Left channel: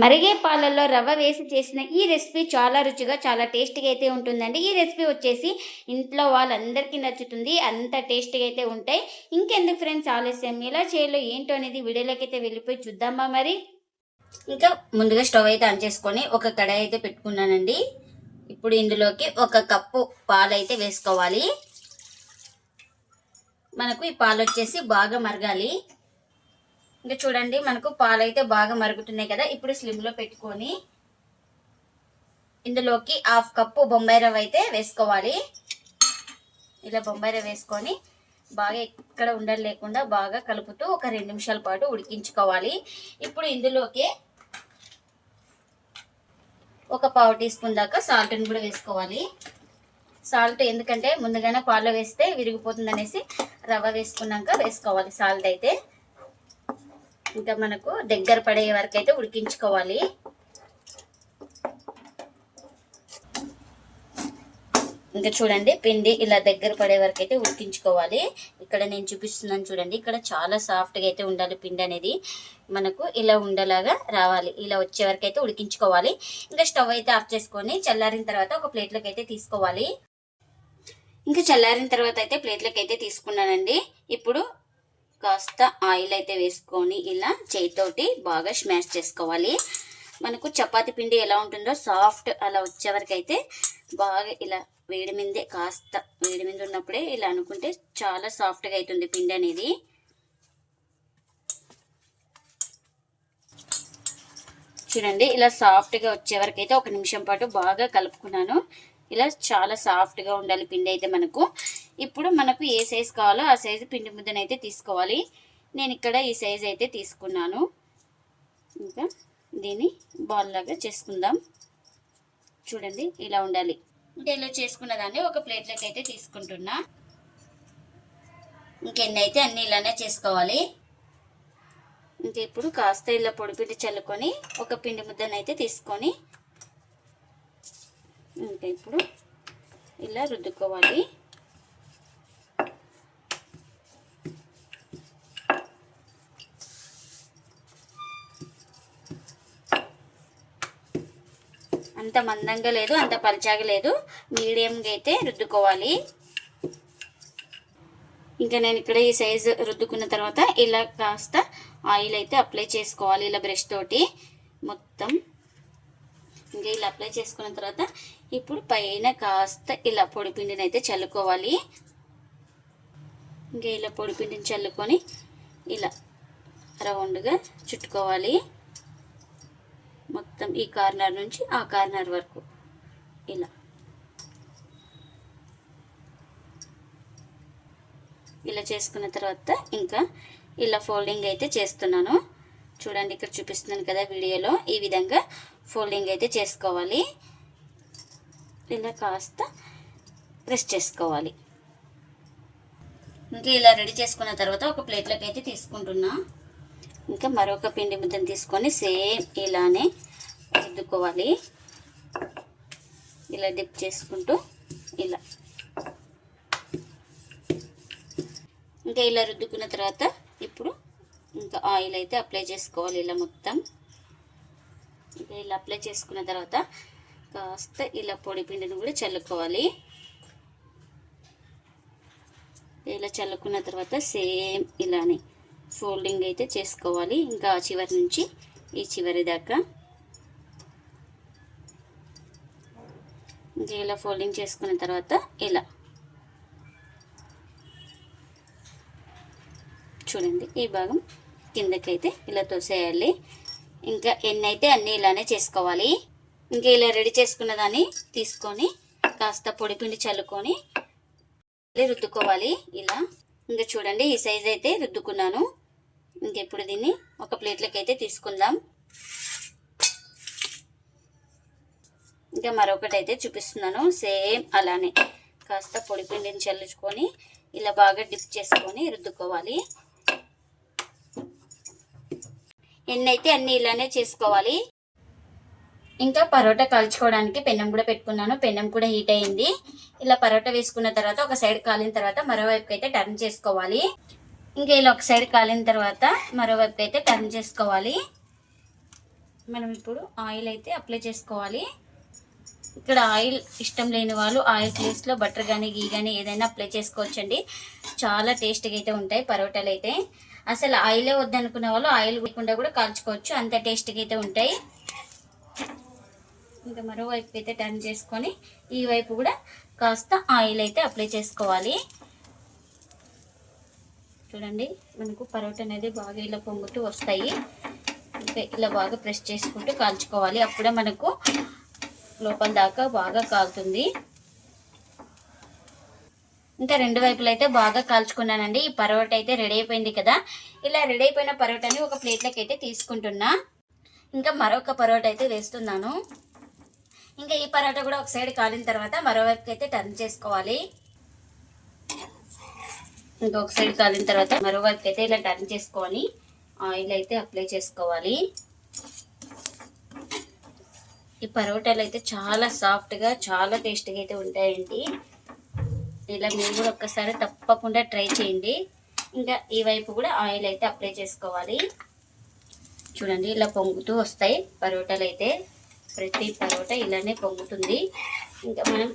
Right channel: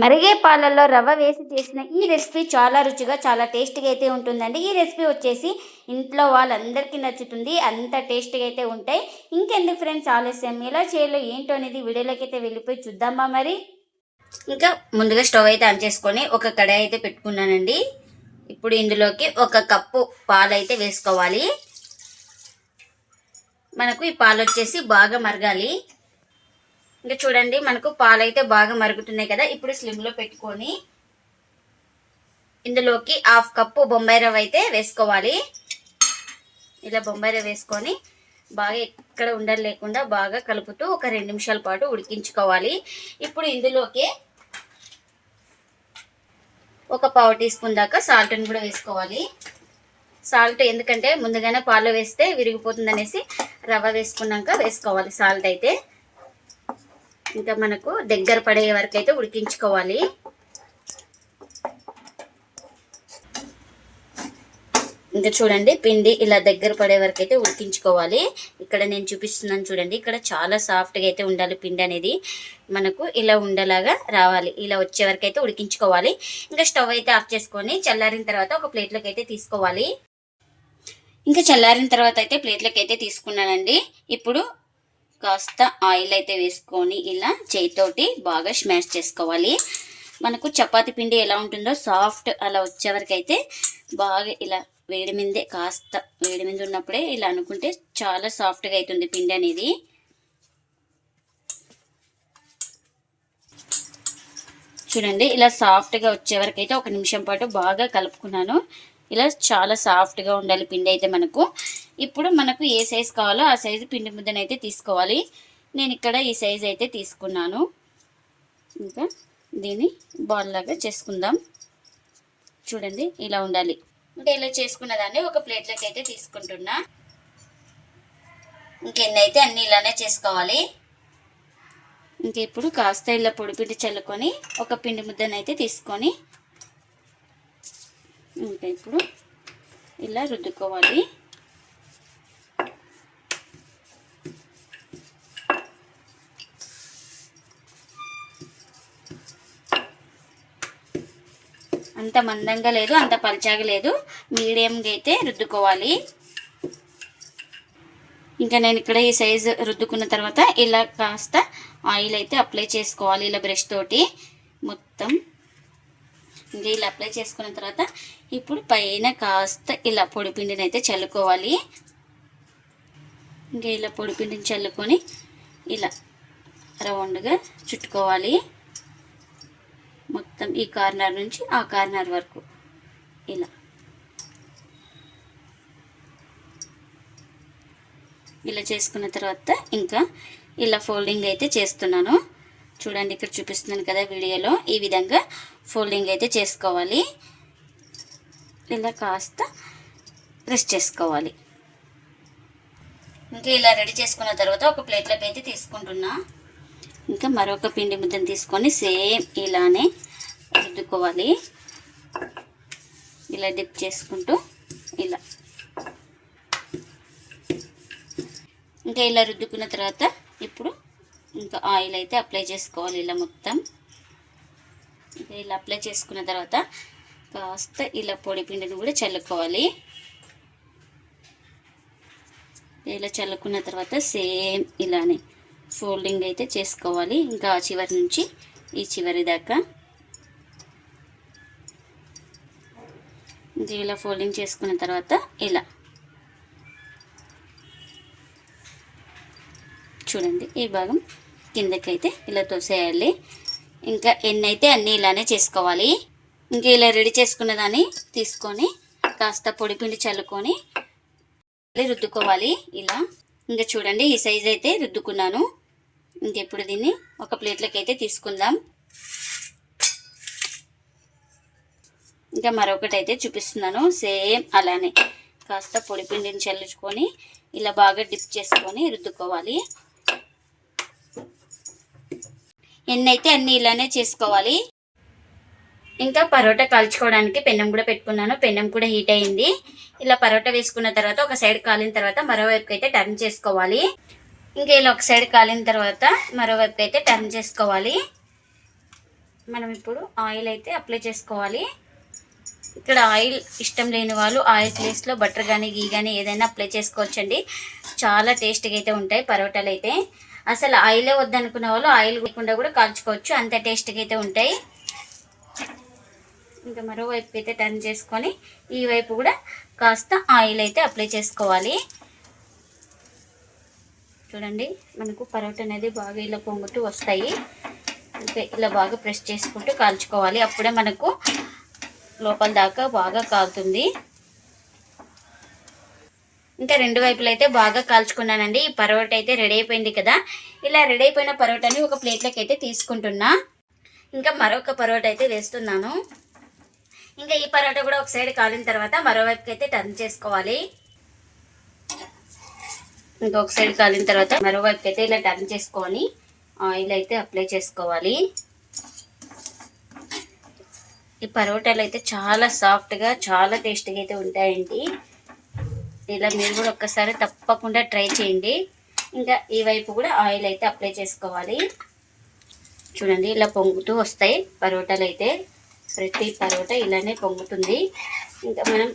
మరిగే పాలల్లో రవ్వ వేసి చేసిన ఈ రెసిపీ చాలా రుచిగా చాలా టేస్టీగా అయితే ఉంటుందండి. ఈ రెసిపీ వచ్చేసి ఇంట్లో వాళ్ళందరికీ నచ్చుతుంది. అంత టేస్టీగా అయితే ఉంటాయి. ఇంకెందుకు ఫ్రెండ్స్ ఆలస్యం, ఎలా చేయాలో ఏంటో అనేది వీడియోలోకి అయితే వెళ్ళిపోయి చూద్దామా మరి. ఇంకా ముందుగా స్టవ్ అయితే ఆన్ చేసుకొని ఒక కడాయి అయితే పెట్టుకున్నానండి. ఇప్పుడు ఇందులోకి ఒక కప్పు పాలు అయితే వేసుకోవాలి. మనకు ఈ పాలు వచ్చేసి బాగా మరగాలి. ఇంకా చూడండి మనకు పాలు అయితే బాగా మరుగుతున్నాయి కదా. ఇప్పుడు స్లిమ్లో పెట్టుకొని ఇందులోకి హాఫ్ కప్పు బొంబాయి రవ్వ అయితే వేసుకోవాలి. ఇలా బొంబాయి రవ్వ వేసుకొని బాగా ఎక్కడ ఉండలు లేకుండా బాగా కలుపుతూ ఒక 2 నిమిషాల పాటు ఉడికించుకోవాలి. ఇప్పుడు ఇందులోకి ఒక పావు టీ స్పూన్ దాకా సాల్ట్ని కూడా వేసుకోవాలి. సాల్ట్ ఎందుకంటే ముందుగానే పాలు వేస్తే విరిగిపోతుంది అనేసి రవ్వ వేసుకున్నాక వేసుకోవాలి సాల్ట్ అయితే. ఇంకా మనకు దగ్గర పడే వరకు అయితే ఉడికించుకోవాలి. ఇంకా చూడండి పిండి ఇలా దగ్గర పడే వరకు అయితే ఉడికించుకోవాలి. ఇక్కడ నేను చూపిస్తున్నాను చూడండి. ఇక్కడ చాలా సాఫ్ట్గా అయితే ఉండాలి పిండి అనేది. మనకు ఇలా ఉండలాగా రావాలి. ఇలా వచ్చే వరకు అయితే ఉడికించుకోవాలి. ఇంకా స్టవ్ అయితే ఆఫ్ చేసుకొని చల్లారిన తర్వాత ఒక ప్లేట్లోకి అయితే తీసుకోవాలి. ఇంకా చల్లారిన తర్వాత అయితే ప్లేట్లోకి అయితే తీసుకున్నానండి. ఇప్పుడు కాస్త ఆయిల్ అయితే వేసుకొని ఇలా చేతితోటి బాగా స్మాష్ చేసుకోవాలి. మనకు చపాతీ పిండి ఎలా ఉంటుందో సాఫ్ట్ అలా వచ్చే వరకు అయితే బాగా ఇలా వేడి మీదే కాస్త వేడి మీద ఉన్నప్పుడే ఇలా అనుకుంటే చాలా సాఫ్ట్గా అవుతుంది పిండి అనేది. చూడండి ఇలా సాఫ్ట్గా వచ్చే వరకు అయితే 1 నిమిషం పాటు బాగా కలుపుకున్నాను. ఇలా చాలా సాఫ్ట్గా ఉండాలి పిండి అయితే మనకు. ఇప్పుడు మనకు ఏ సైజు కావాలో ఆ సైజు పిండి ముద్దనైతే తీసుకోవాలి. నేను ఇక్కడ ఈ సైజు అయితే తీసుకున్నాను. ఇంకా దీన్ని బాల్ లాగా చేసుకుందాం. చూడండి ఇలా ఉండాలి. అంటే ఇలా చేసుకున్న దాన్ని ఒక ప్లేట్లోకి అయితే తీసుకుంటున్నా. ఇంకెన్నైతే అన్ని ఇలానే చేసుకోవాలి. ఇంకా ఇప్పుడు కాస్త ఇలా పొడిపిండి చల్లుకొని ఒక పిండి ముద్దనైతే తీసుకొని ఇంకా ఇప్పుడు ఇలా రుద్దుకోవాలి. అంత మందంగా లేదు, అంత పల్చాగా లేదు, మీడియంగా అయితే రుద్దుకోవాలి. ఇంకా నేను ఇక్కడ ఈ సైజు రుద్దుకున్న తర్వాత ఇలా కాస్త ఆయిల్ అయితే అప్లై చేసుకోవాలి. ఇలా బ్రష్ తోటి మొత్తం ఇంకా ఇలా అప్లై చేసుకున్న తర్వాత ఇప్పుడు పైన కాస్త ఇలా పొడిపిండిని అయితే చల్లుకోవాలి. ఇంకా ఇలా పొడిపిండిని చల్లుకొని ఇలా రౌండ్గా చుట్టుకోవాలి. మొత్తం ఈ కార్నర్ నుంచి ఆ కార్నర్ వరకు ఇలా చేసుకున్న తర్వాత ఇంకా ఇలా ఫోల్డింగ్ అయితే చేస్తున్నాను. చూడండి ఇక్కడ చూపిస్తున్నాను కదా వీడియోలో. ఈ విధంగా ఫోల్డింగ్ అయితే చేసుకోవాలి. ఇలా కాస్త ప్రెస్ చేసుకోవాలి. ఇంకా ఇలా రెడీ చేసుకున్న తర్వాత ఒక ప్లేట్లోకి అయితే తీసుకుంటున్నా. ఇంకా మరొక పిండి ముద్దను తీసుకొని సేమ్ ఇలానే రుద్దుకోవాలి. ఇలా డిప్ చేసుకుంటూ ఇలా ఇంకా ఇలా రుద్దుకున్న తర్వాత ఇప్పుడు ఇంకా ఆయిల్ అయితే అప్లై చేసుకోవాలి. ఇలా మొత్తం ఇంకా ఇలా అప్లై చేసుకున్న తర్వాత కాస్త ఇలా పొడి పిండిని కూడా చల్లుకోవాలి. ఇలా చల్లుకున్న తర్వాత సేమ్ ఇలానే ఫోల్డింగ్ అయితే చేసుకోవాలి. ఇంకా ఆ చివరి నుంచి ఈ చివరి దాకా ఇంకా ఇలా ఫోల్డింగ్ చేసుకున్న తర్వాత ఇలా చూడండి ఈ భాగం కిందకైతే ఇలా తోసేయాలి. ఇంకా ఎన్నైతే అన్నీ ఇలానే చేసుకోవాలి. ఇంకా ఇలా రెడీ చేసుకున్న దాన్ని తీసుకొని కాస్త పొడిపిండి చల్లుకొని రుద్దుకోవాలి. ఇలా ఇంకా చూడండి ఈ సైజ్ అయితే రుద్దుకున్నాను. ఇంకెప్పుడు దీన్ని ఒక ప్లేట్లోకి అయితే తీసుకుందాం. ఇంకా మరొకటి అయితే చూపిస్తున్నాను. సేమ్ అలానే కాస్త పొడిపిండిని చల్లుకొని ఇలా బాగా డిప్ చేసుకొని రుద్దుకోవాలి. ఎన్నైతే అన్నీ ఇలానే చేసుకోవాలి. ఇంకా పరోటా కాల్చుకోవడానికి పెనం కూడా పెట్టుకున్నాను. పెనం కూడా హీట్ అయింది. ఇలా పరోటా వేసుకున్న తర్వాత ఒక సైడ్ కాలిన తర్వాత మరోవైపు అయితే టర్న్ చేసుకోవాలి. ఇంకా ఇలా ఒక సైడ్ కాలిన తర్వాత మరోవైపు అయితే టర్న్ చేసుకోవాలి. మనం ఇప్పుడు ఆయిల్ అయితే అప్లై చేసుకోవాలి. ఇక్కడ ఆయిల్ ఇష్టం లేని వాళ్ళు ఆయిల్ ప్లేస్లో బటర్ కానీ గీ కానీ ఏదైనా అప్లై చేసుకోవచ్చండి. చాలా టేస్ట్గా అయితే ఉంటాయి పరోటాలు అయితే. అసలు ఆయిలే వద్దనుకునే వాళ్ళు ఆయిల్ లేకుండా కూడా కాల్చుకోవచ్చు, అంత టేస్ట్గా అయితే ఉంటాయి. ఇంకా మరోవైపు అయితే టర్న్ చేసుకొని ఈ వైపు కూడా కాస్త ఆయిల్ అయితే అప్లై చేసుకోవాలి. చూడండి మనకు పరోటా అనేది బాగా ఇలా పొంగుతూ వస్తాయి. ఇంకా ఇలా బాగా ప్రెస్ చేసుకుంటూ కాల్చుకోవాలి, అప్పుడే మనకు లోపల దాకా బాగా కాలుతుంది. ఇంకా రెండు వైపులు అయితే బాగా కాల్చుకున్నానండి. ఈ పరోటా అయితే రెడీ అయిపోయింది కదా. ఇలా రెడీ అయిపోయిన పరోటాని ఒక ప్లేట్లోకి అయితే తీసుకుంటున్నా. ఇంకా మరొక పరోటా అయితే వేస్తున్నాను. ఇంకా ఈ పరోటా కూడా ఒక సైడ్ కాలిన తర్వాత మరోవైపుకి అయితే టర్న్ చేసుకోవాలి. ఇంకొక సైడ్ కాలిన తర్వాత మరోవైపుకి అయితే ఇలా టర్న్ చేసుకొని ఆయిల్ అయితే అప్లై చేసుకోవాలి. ఈ పరోటాలు అయితే చాలా సాఫ్ట్గా చాలా టేస్టీగా అయితే ఉంటాయండి. ఇలా మీరు కూడా ఒక్కసారి తప్పకుండా ట్రై చేయండి. ఇంకా ఈ వైపు కూడా ఆయిల్ అయితే అప్లై చేసుకోవాలి. చూడండి ఇలా పొంగుతూ వస్తాయి పరోటాలు అయితే. ప్రతి పరోటా ఇలానే పొంగుతుంది. ఇంకా మనం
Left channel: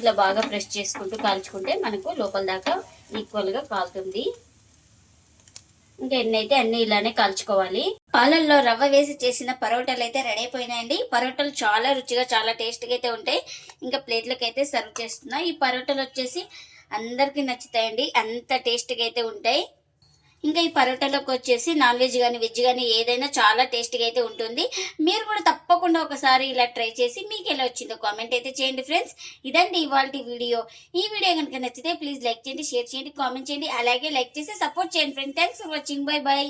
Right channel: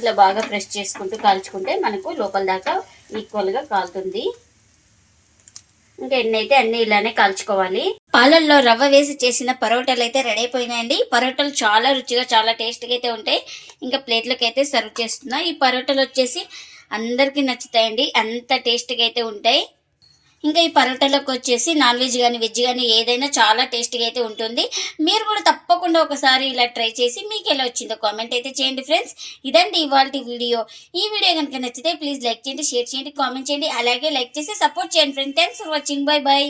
ఇలా బాగా ప్రెస్ చేసుకుంటూ కాల్చుకుంటే మనకు లోపల దాకా ఈక్వల్గా కాలుతుంది. ఇంకా ఎన్ని అయితే అన్ని ఇలానే కాల్చుకోవాలి. పాలల్లో రవ్వ వేసి చేసిన పరోటాలు అయితే రెడీ అయిపోయినాయండి. పరోటాలు చాలా రుచిగా చాలా టేస్ట్గా అయితే ఉంటాయి. ఇంకా ప్లేట్లోకి అయితే సర్వ్ చేస్తున్నా. ఈ పరోటాలు వచ్చేసి అందరికీ నచ్చుతాయండి, అంత టేస్ట్గా అయితే ఉంటాయి. ఇంకా ఈ పరోటాలోకి వచ్చేసి నాన్ వెజ్ కానీ వెజ్ కానీ ఏదైనా చాలా టేస్ట్గా అయితే ఉంటుంది. మీరు కూడా తప్పకుండా ఒకసారి ఇలా ట్రై చేసి మీకు ఎలా వచ్చిందో కామెంట్ అయితే చేయండి ఫ్రెండ్స్. ఇదండి ఇవాల్టి వీడియో. ఈ వీడియో కనుక నచ్చితే ప్లీజ్ లైక్ చేయండి, షేర్ చేయండి, కామెంట్ చేయండి. అలాగే లైక్ చేసి సపోర్ట్ చేయండి friends. Thanks for watching. Bye bye.